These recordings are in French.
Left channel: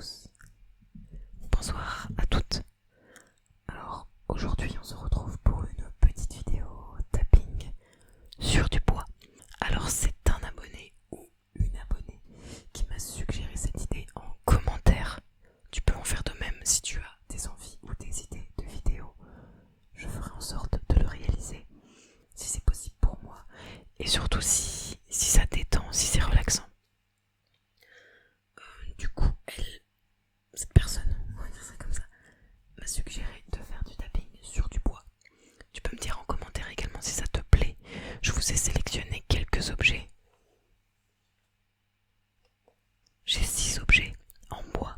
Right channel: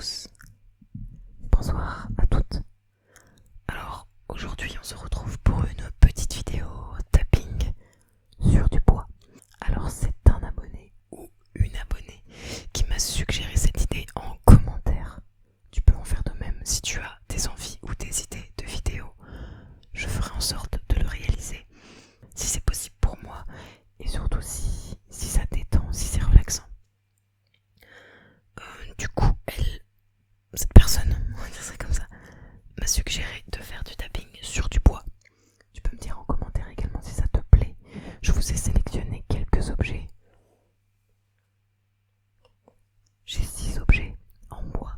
tous, bonsoir à toutes. Alors aujourd'hui on se retrouve pour une petite vidéo tapping sur du bois. Alors c'est un abonné ou une abonnée qui m'a suggéré cette idée en commentaire. Tu peux en faire de même si tu as des envies ou des idées de vidéos. Je ferai en sorte de le réaliser si c'est possible pour moi et surtout si ça détend, si c'est relaxant. Du coup, cette personne, on va dire ça comme ça, m'a suggéré de faire du tapping sur du bois. Tu peux me dire en commentaire également si ça te plaît. Je vous ai sélectionné quelques objets. J'ai 6 objets en bois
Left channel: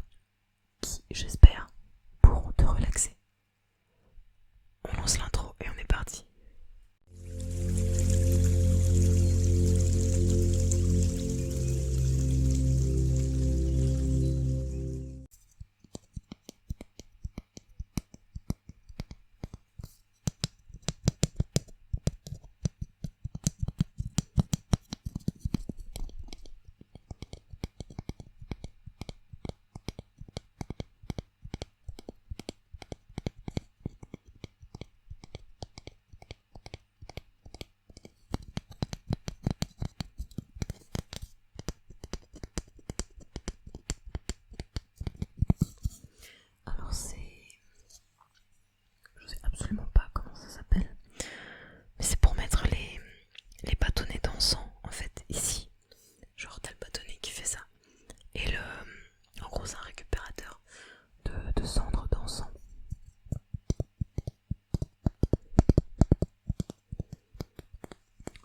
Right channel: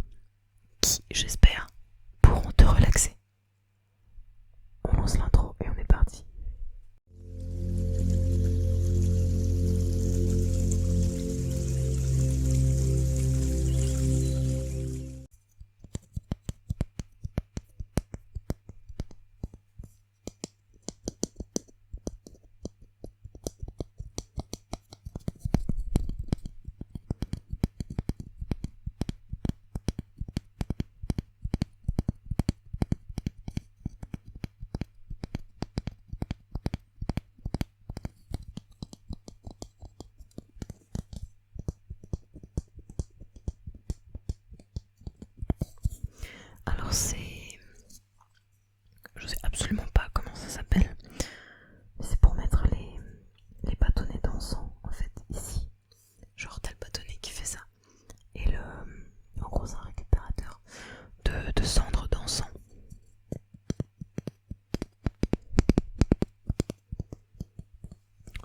qui, j'espère, pourront te relaxer. On lance l'intro et on est parti. Alors je sais absolument pas comment ça s'appelle, mais c'est pour mettre les bâtonnets d'encens en fait ici. Genre t'as le bâtonnet qui fait ça. Et en gros c'est un récupérateur de cendres d'encens.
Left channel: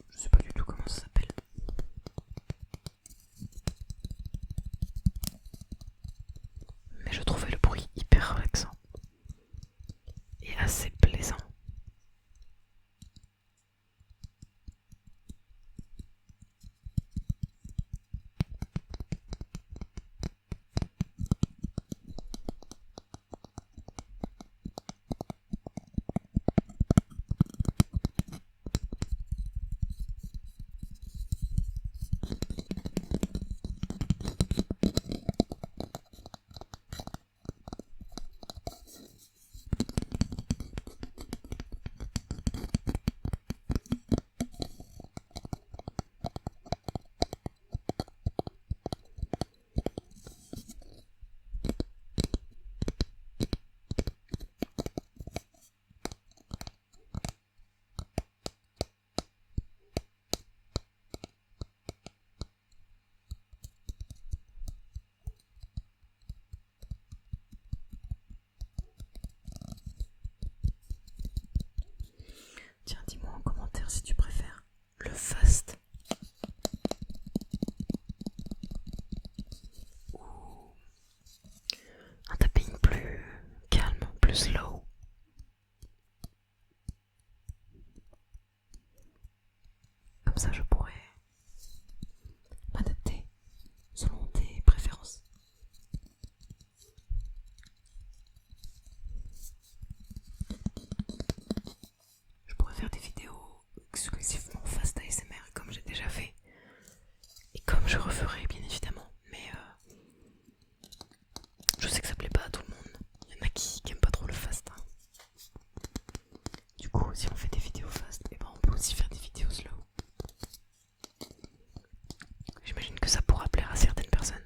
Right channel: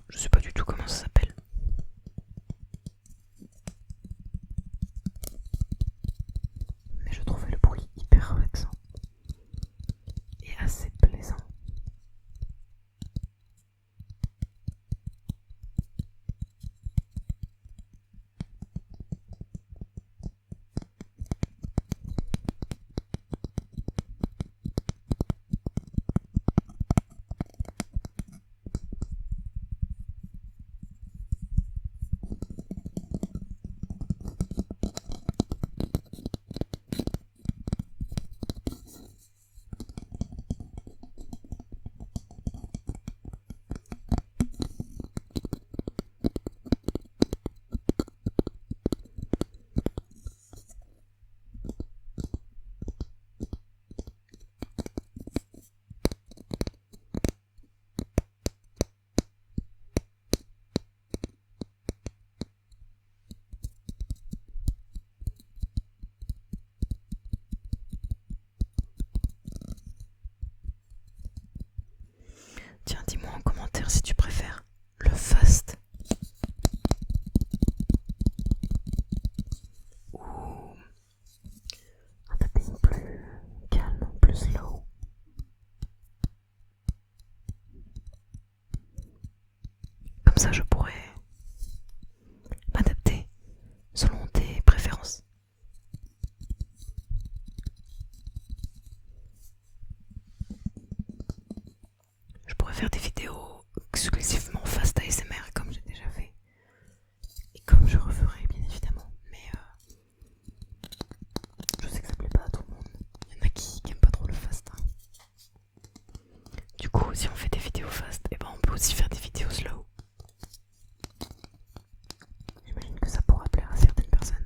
Je sais pas du tout comment ça s'appelle. Mais je trouvais le bruit hyper relaxant et assez plaisant. Tiens, dis-moi en commentaire si tu préfères le fast ou un tapping plus calme, plus slow. Comme ça je pourrais m'adapter selon tes préférences. Je pourrais faire des vidéos exclusivement fast ASMR comme j'ai déjà fait. Et comme je referai bien évidemment. Mais je sais que ça plaît pas à tout le monde. Il y en a qui aiment pas trop le fast. Hein. Du coup, si on fait des vidéos fast, et ben on peut aussi faire des vidéos slow. J'imagine que ça pourra plaire à certaines personnes.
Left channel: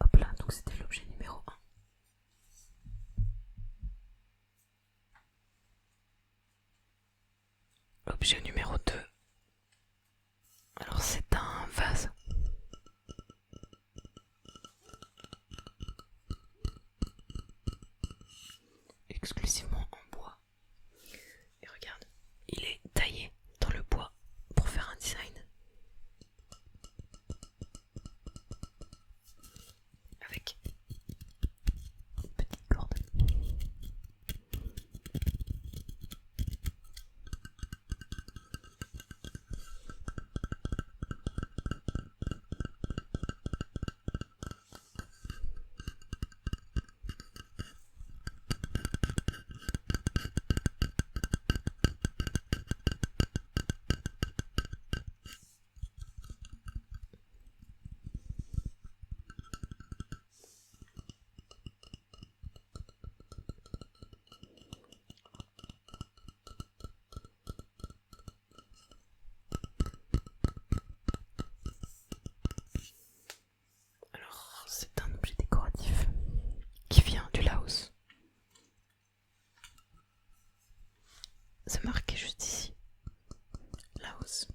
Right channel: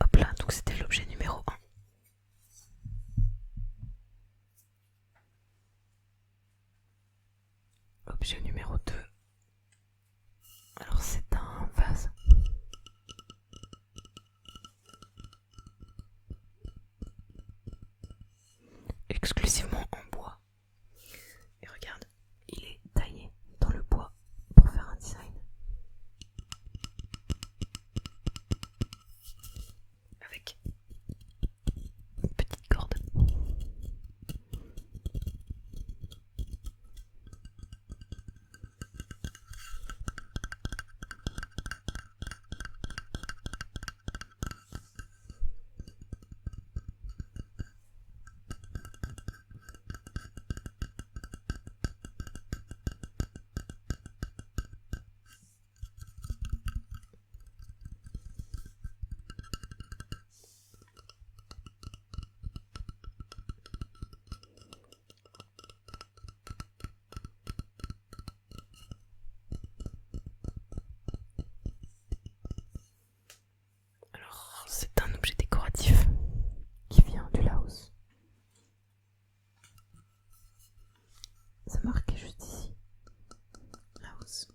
Hop là, donc c'était l'objet numéro 1. Objet numéro 2. Alors c'est un vase. Exclusivement en bois. Et regarde, il est taillé dans le bois pour faire un design. Avec une petite corde. C'est marqué juste ici. Laos.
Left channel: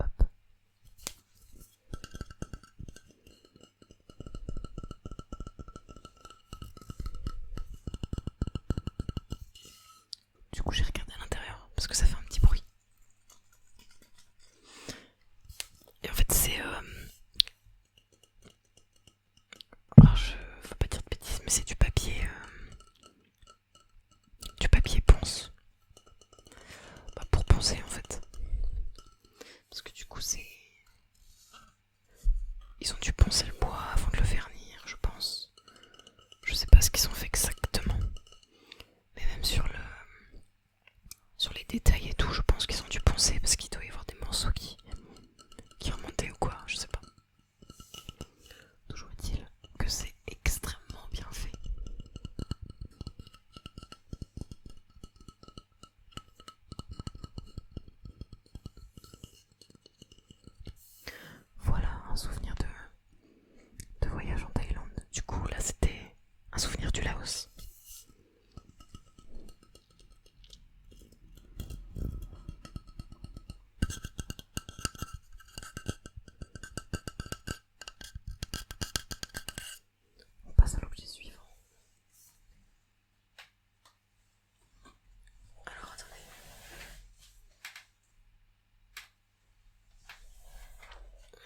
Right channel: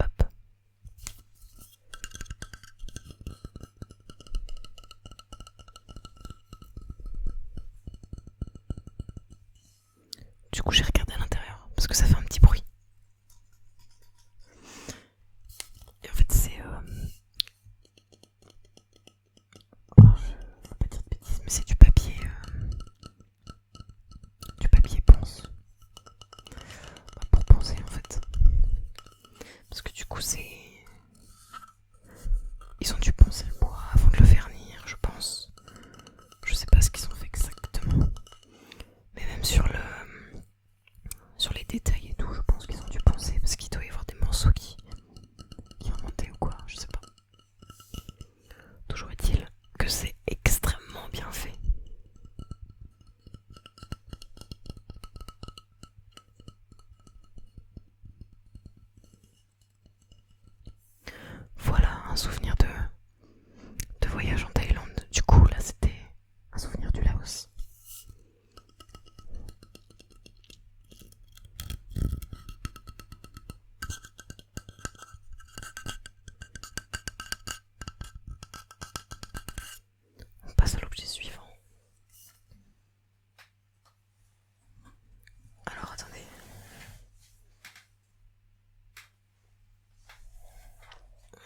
Hop. Du coup, j'ai regardé à l'intérieur parce que ça fait un petit bruit. Et en fait, c'est. Alors, je. Faut pas dire de bêtises, mais c'est du papier. Du papier ponce. Bah, pour poncer en fait. Parce que du coup, c'est. Ils ont dû poncer le bois avant de le vernir, je pense. Je sais pas ce qu'ils ont fait exactement. Mais même sur les détails et tout, je pense qu'ils ont dû poncer parce qu'il doit y avoir des morceaux qui remontaient ou quoi, je sais pas. Toujours est-il que c'est extrêmement bien fait. Voilà un souvenir de voyage en Thaïlande. Du coup, là, c'était un souvenir du Laos. On passe à l'objet suivant. Alors, attendez.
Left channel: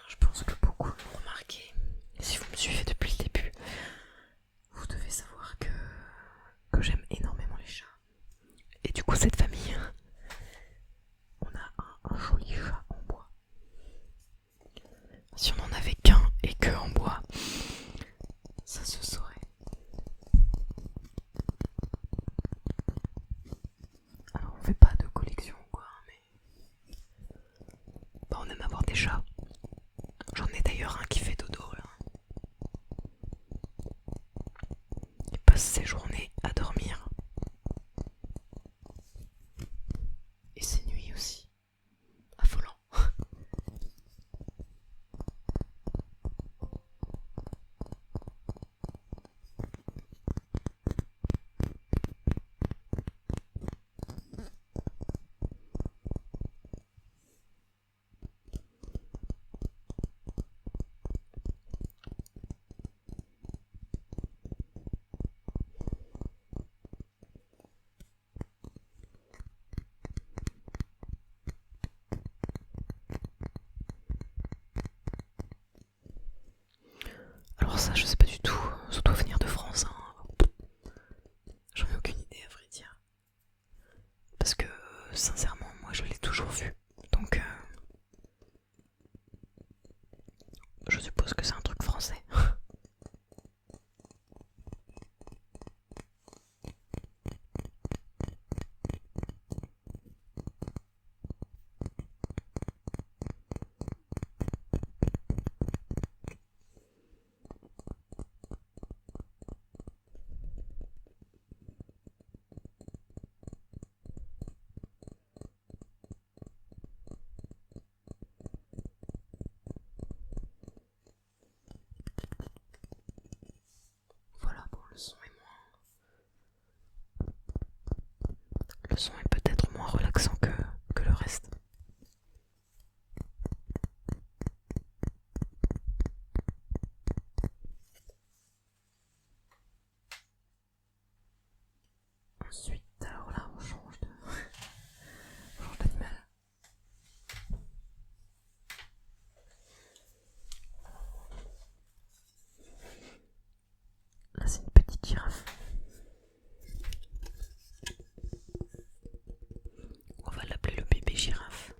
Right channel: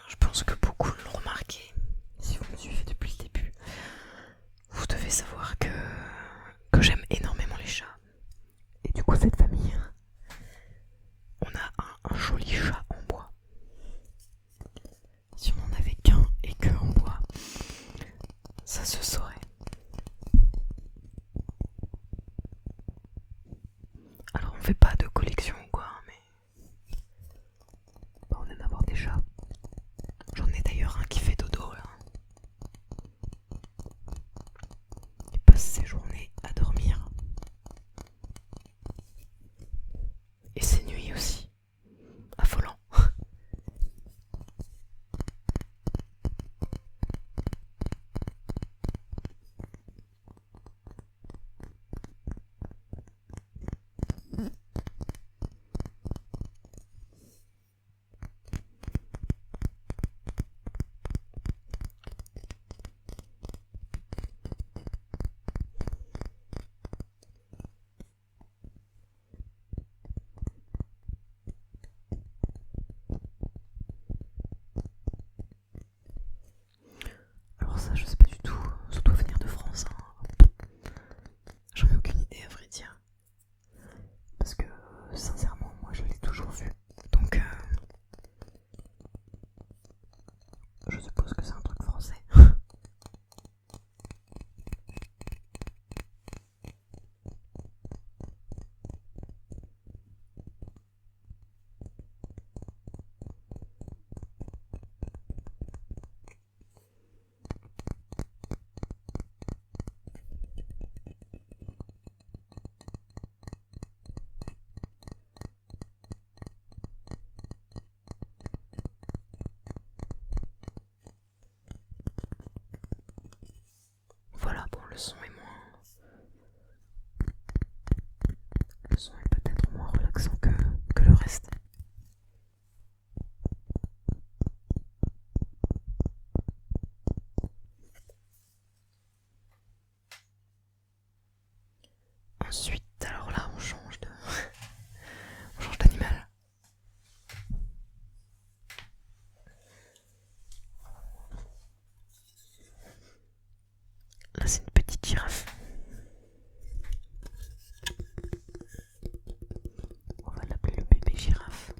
Je pense que beaucoup l'ont remarqué. Si vous me suivez depuis le début, vous devez savoir que j'aime énormément les chats. Et du coup, cette famille, on a un joli chat en bois. Si on n'en avait qu'un et que en bois, ça se saurait. Alors, on fait pas de collection ou quoi, mais bah, on aime avoir des chats. J'en ai d'ailleurs un qui fait dodo là. Il passe ses journées à dormir. Et ses nuits aussi. Affolant. Alors ça, je sais pas du tout. Ça doit venir de France. Hein. J'en ai aucune idée à vrai dire. Parce que sincèrement, moi je l'ai toujours vu. Donc je suppose que c'est un truc français. Voilà, bon, le son est moins. Le son est peut-être moins relaxant que le reste. Ensuite, alors là, on change d'animal. Là, c'est une petite girafe. On va l'appeler le bébé girafe.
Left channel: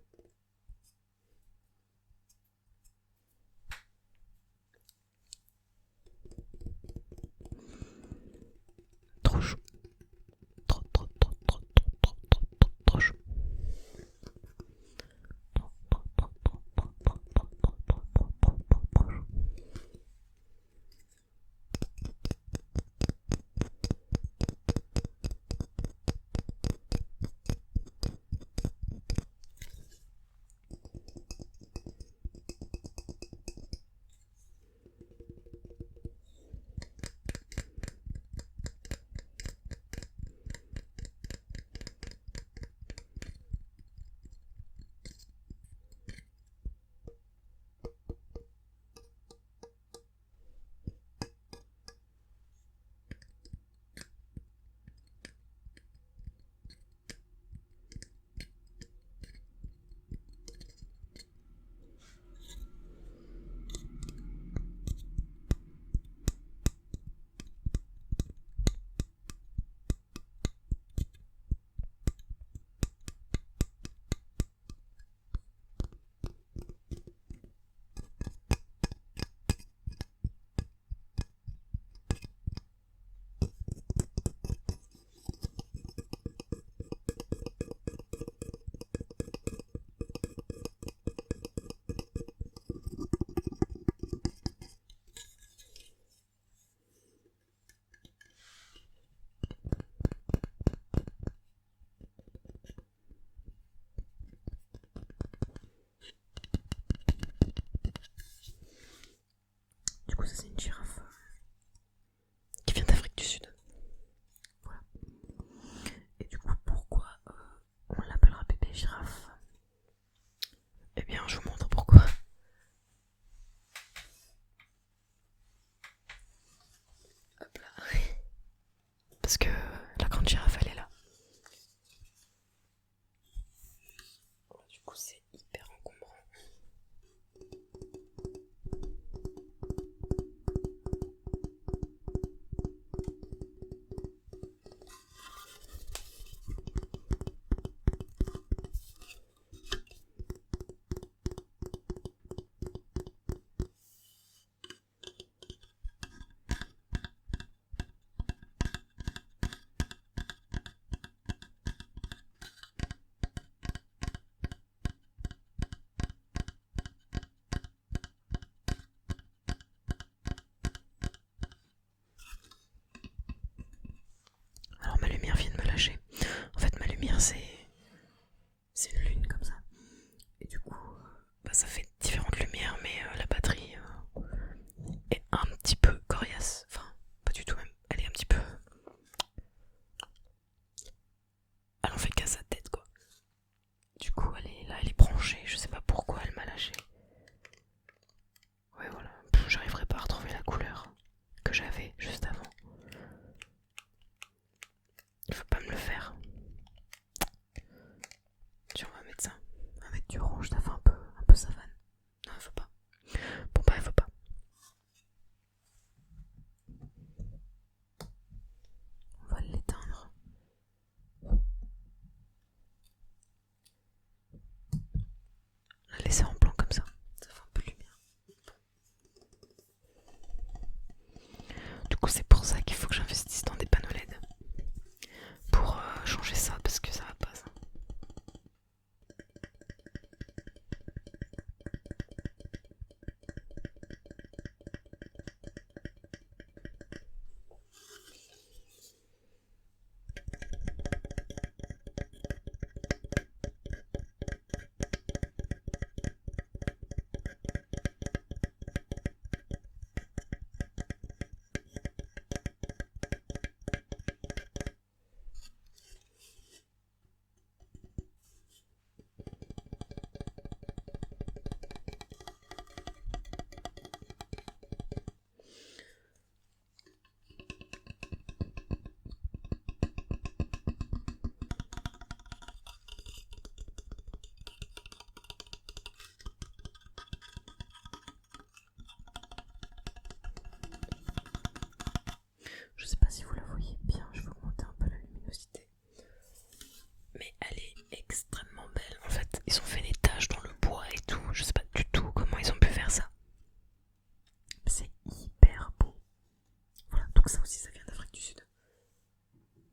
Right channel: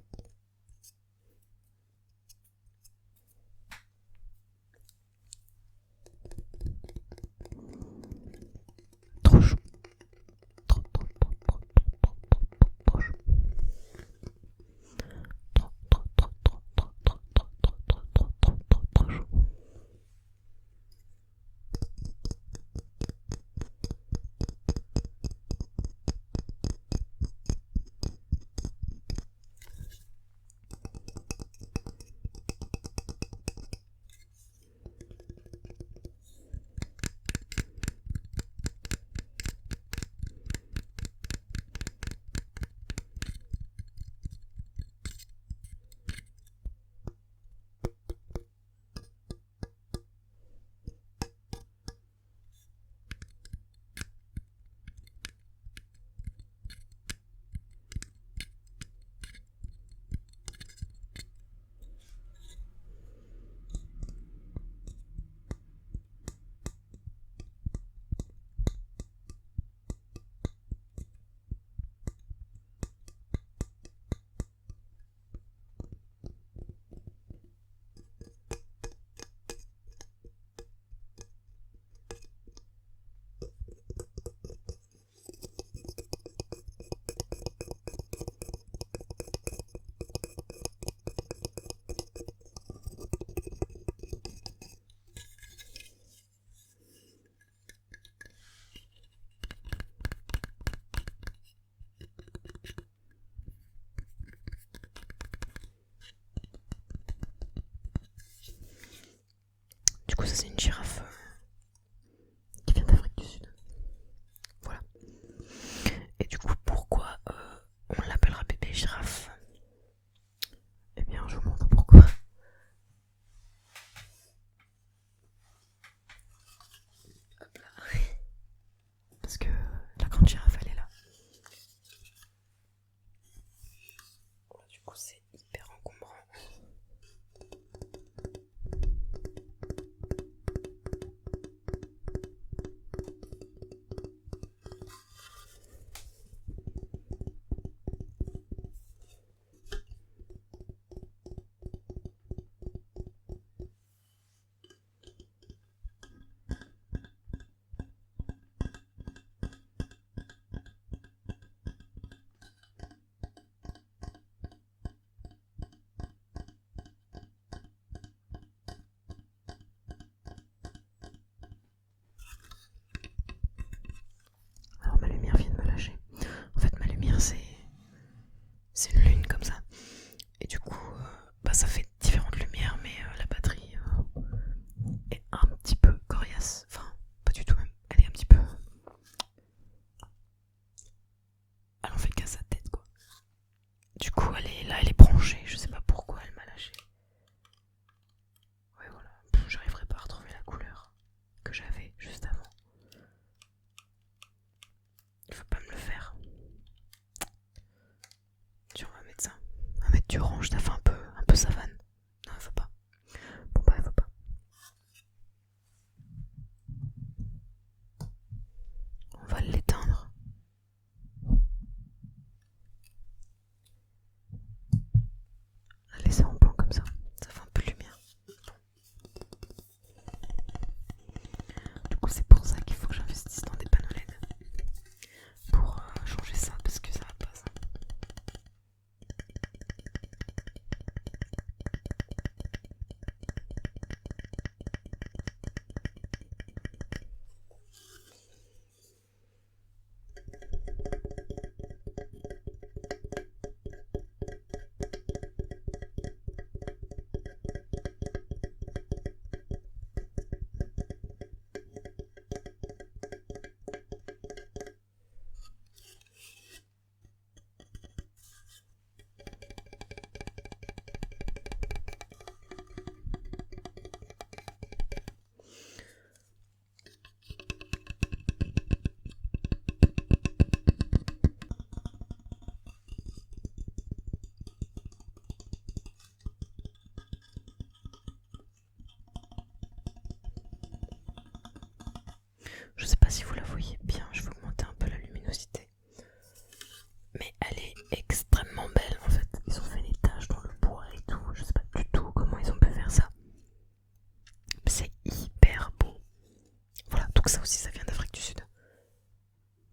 Donc ça aussi, ça vient d'Afrique du Sud.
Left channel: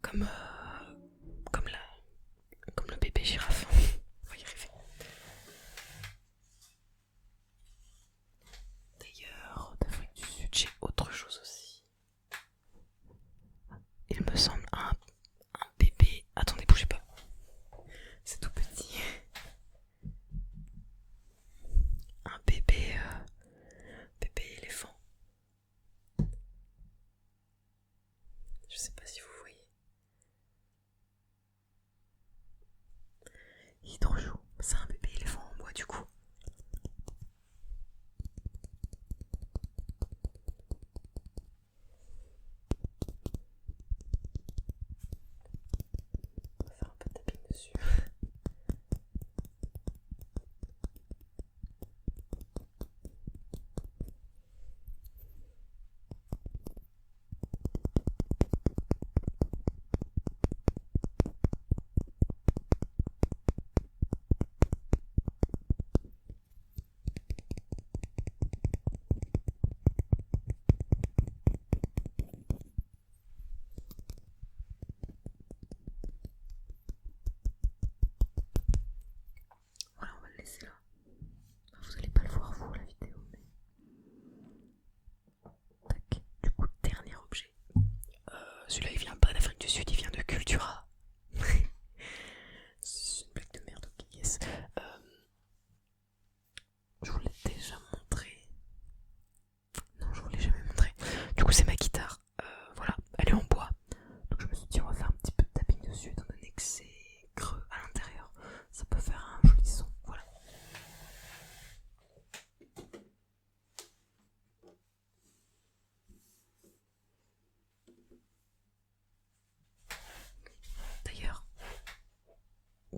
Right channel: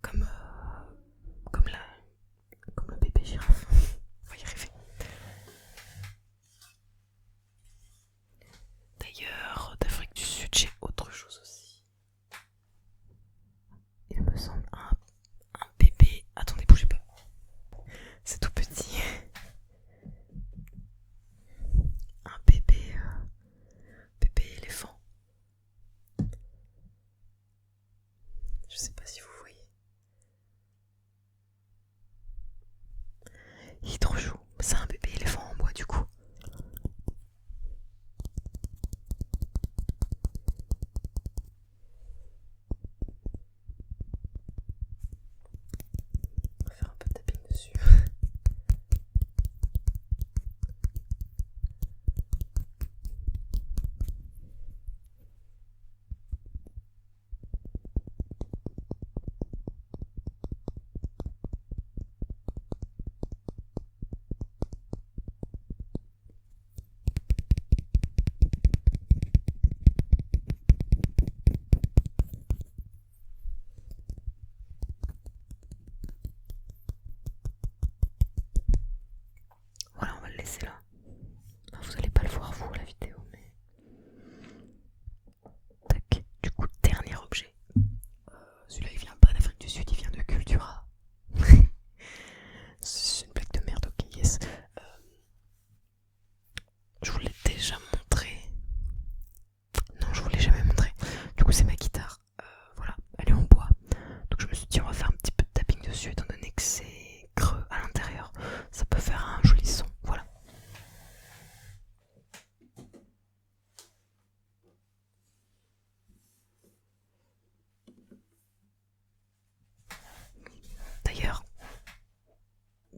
Comme, comme, la, comme le bébé girafe. On va y arriver. D'ailleurs, d'Afrique du Sud, j'ai autre chose aussi. Il me semble un bébé. Attendez, bougez pas. C'est tout petit. Un bébé éléphant. Je sais pas si vous voyez. Il est trop chou. C'est un bébé éléphant en bois du coup. On va faire un peu de tapping dessus. Voilà, on va le laisser là. Enfin, vous allez pas le voir vous la vidéo, mais. Tac. Du coup, dernier objet. Celui-là il vient pas d'Afrique du Sud, il vient de Cultura. C'est une blague de merde, ok, yes. Je vous l'ai déjà montré. Non, je vous l'ai jamais montré. Du coup, c'est ma guitare. Voilà, elle est en bois. Donc je me suis dit, on va faire un petit peu de tapping dessus, étant donné que c'est creux à l'intérieur. Ça peut faire un joli son. Voilà.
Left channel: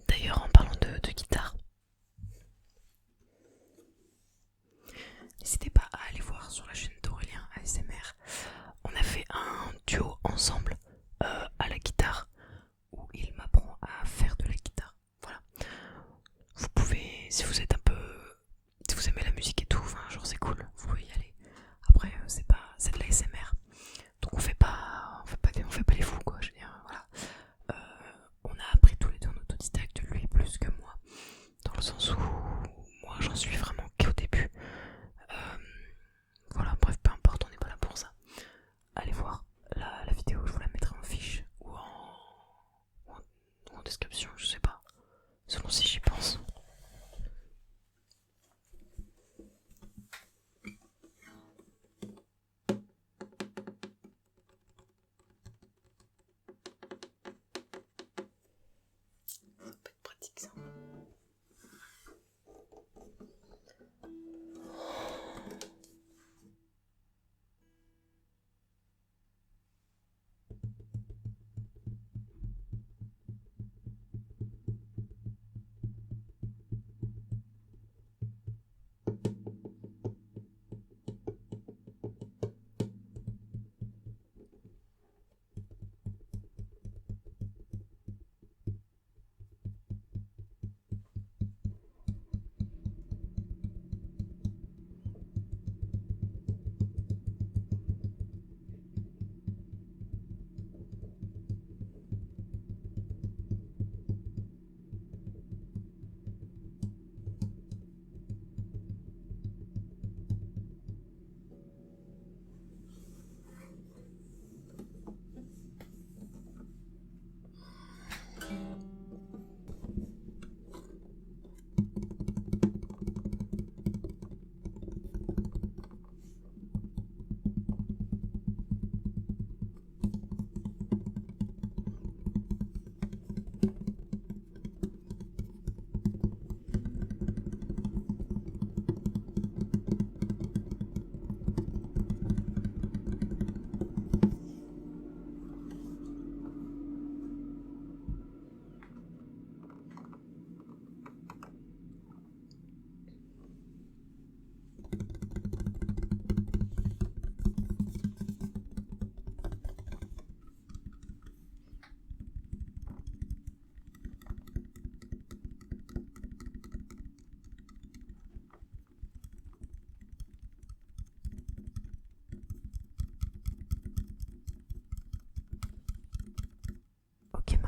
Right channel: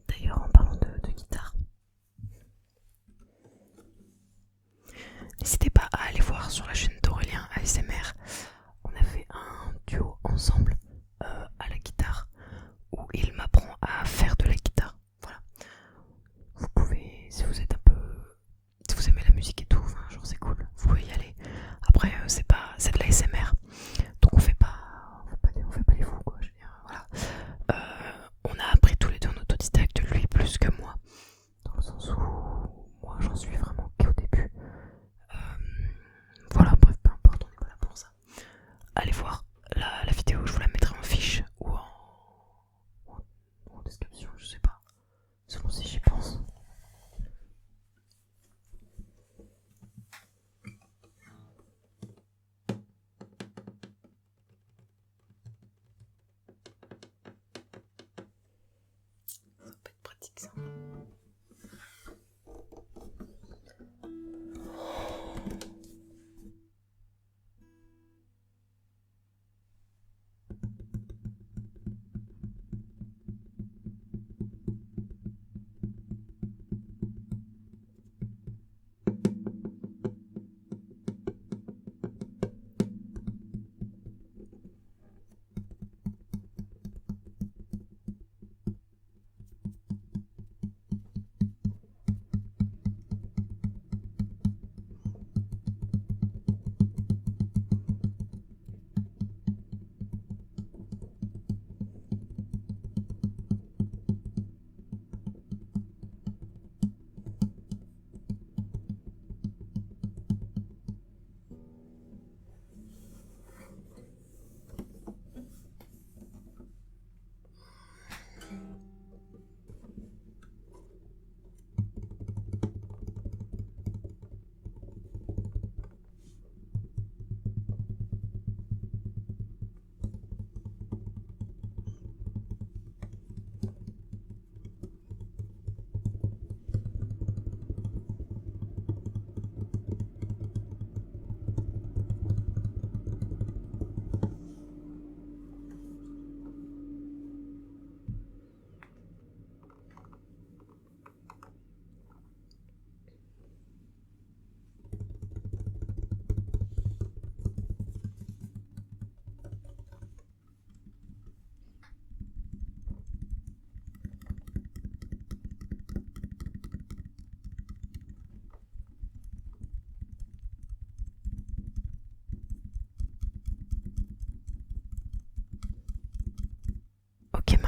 D'ailleurs, en parlant de guitare, n'hésitez pas à aller voir sur la chaîne d'Aurélien ASMR. On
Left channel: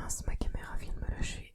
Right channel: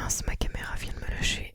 mince, ma caméra vient de me lâcher.